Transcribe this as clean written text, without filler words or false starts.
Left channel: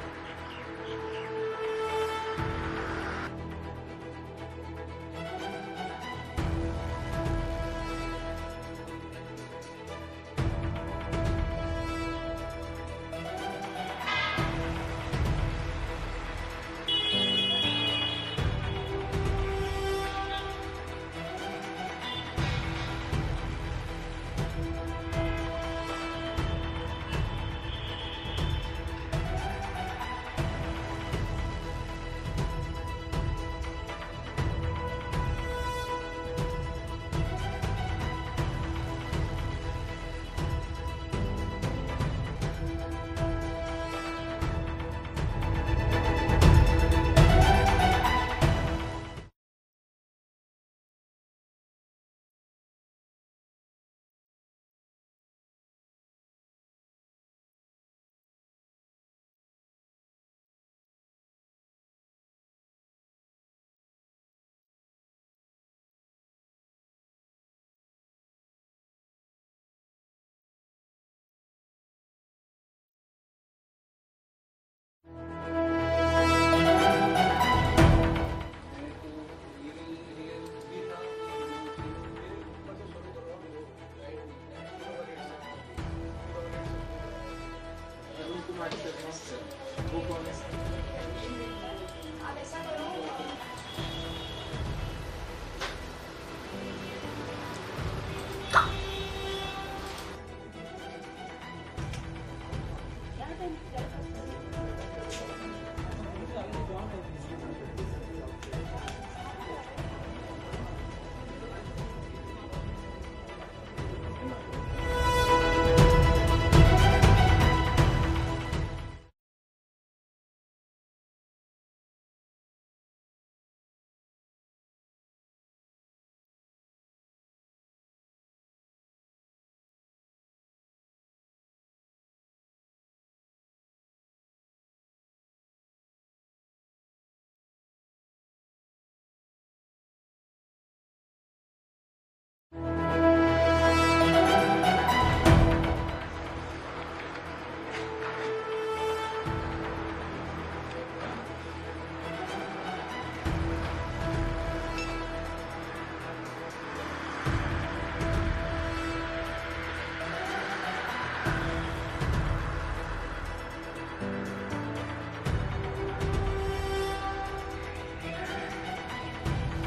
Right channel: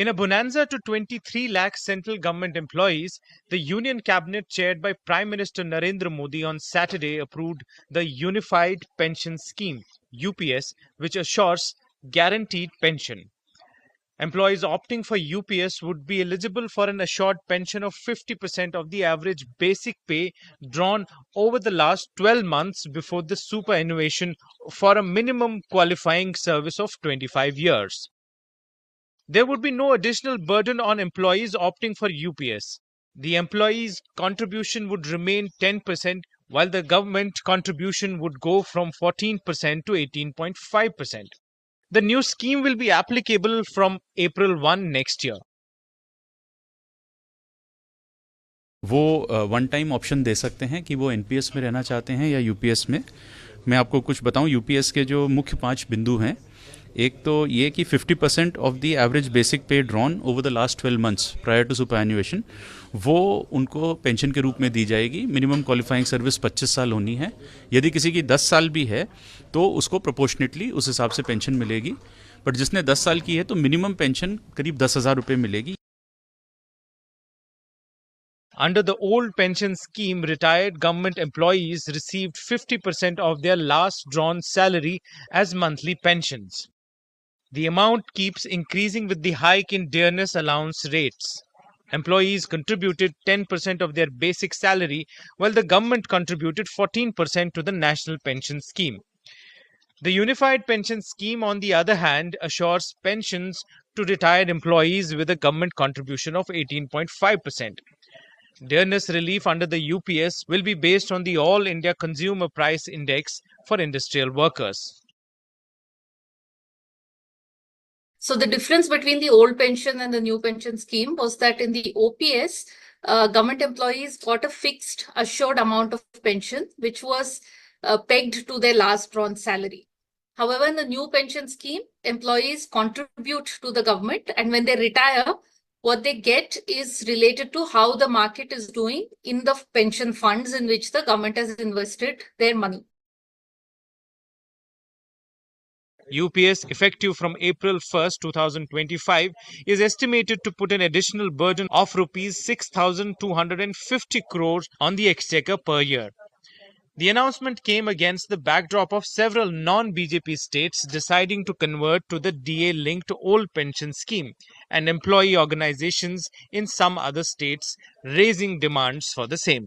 In a bonanza to 23 lakh central government employees, the Union Cabinet chaired by Prime Minister Narendra Modi on Saturday approved the Unified Pension Scheme (UPS), which assures guaranteed pension. Employees opting for UPS would be eligible for an assured pension of 50% of the average basic pay drawn over the last 12 months before the superannuation for a minimum qualifying service of 25 years. There would be no additional burden on employees opting for UPS. The employee's contribution would remain 10%, while the government contribution would go from 14% to 18.5%. The new scheme will be applicable from April 1 next year. वो one time option दे सकते हैं कि वो NPS में रहना चाहते हैं या यूपीएस में। मैं आपको कुछ बताऊं, यूपीएस के जो मुख्य 5 बिंदु हैं, एक तो ये कि 50% of the average basic pay drawn over the last 12 months prior to superannuation वो उनको पेंशन के रूप में दी जाएगी। मिनिमम क्वालिफाइंग सर्विस 25 साल होनी है। यदि किसी की 10 साल भी है तो उसको प्रोपोर्शनेटली उस हिसाब से पेंशन मिलेगी। बट जिसने 10 साल की है तो मिनिमम पेंशन करीब 10,000 रुपये मिलेगी। Under the old pension scheme, retired government employees received 50% of their last drawn salary as monthly pensions. The amount keeps increasing with the hike in dearness allowance rates. Employees contributed 10% of their basic salary, while the government contributed 14% to the national pension scheme. The Unified Pension Scheme, on the other hand, assures pensions to retired employees with a government contribution of 18.5%. Dearness relief under the UPS will be based on the All India Consumer Price Index for industrial workers. So the difference between the old pension and the new pension scheme was that in the OPS, government employees got a fixed assured amount of pension, which was pegged to their last drawn salary. However, in the new pension scheme, employees contribute to the government, and when they retire, what they get is related to how the market is doing in the pension funds in which the government has invested their money. UPS, effective from April 1st, 2025, is estimated to put an additional burden of rupees 6,250 crores on the exchequer per year. The announcement came against the backdrop of several non-BJP states deciding to convert to the DA-linked old pension scheme, and employee organizations in some other states raising demands for the same.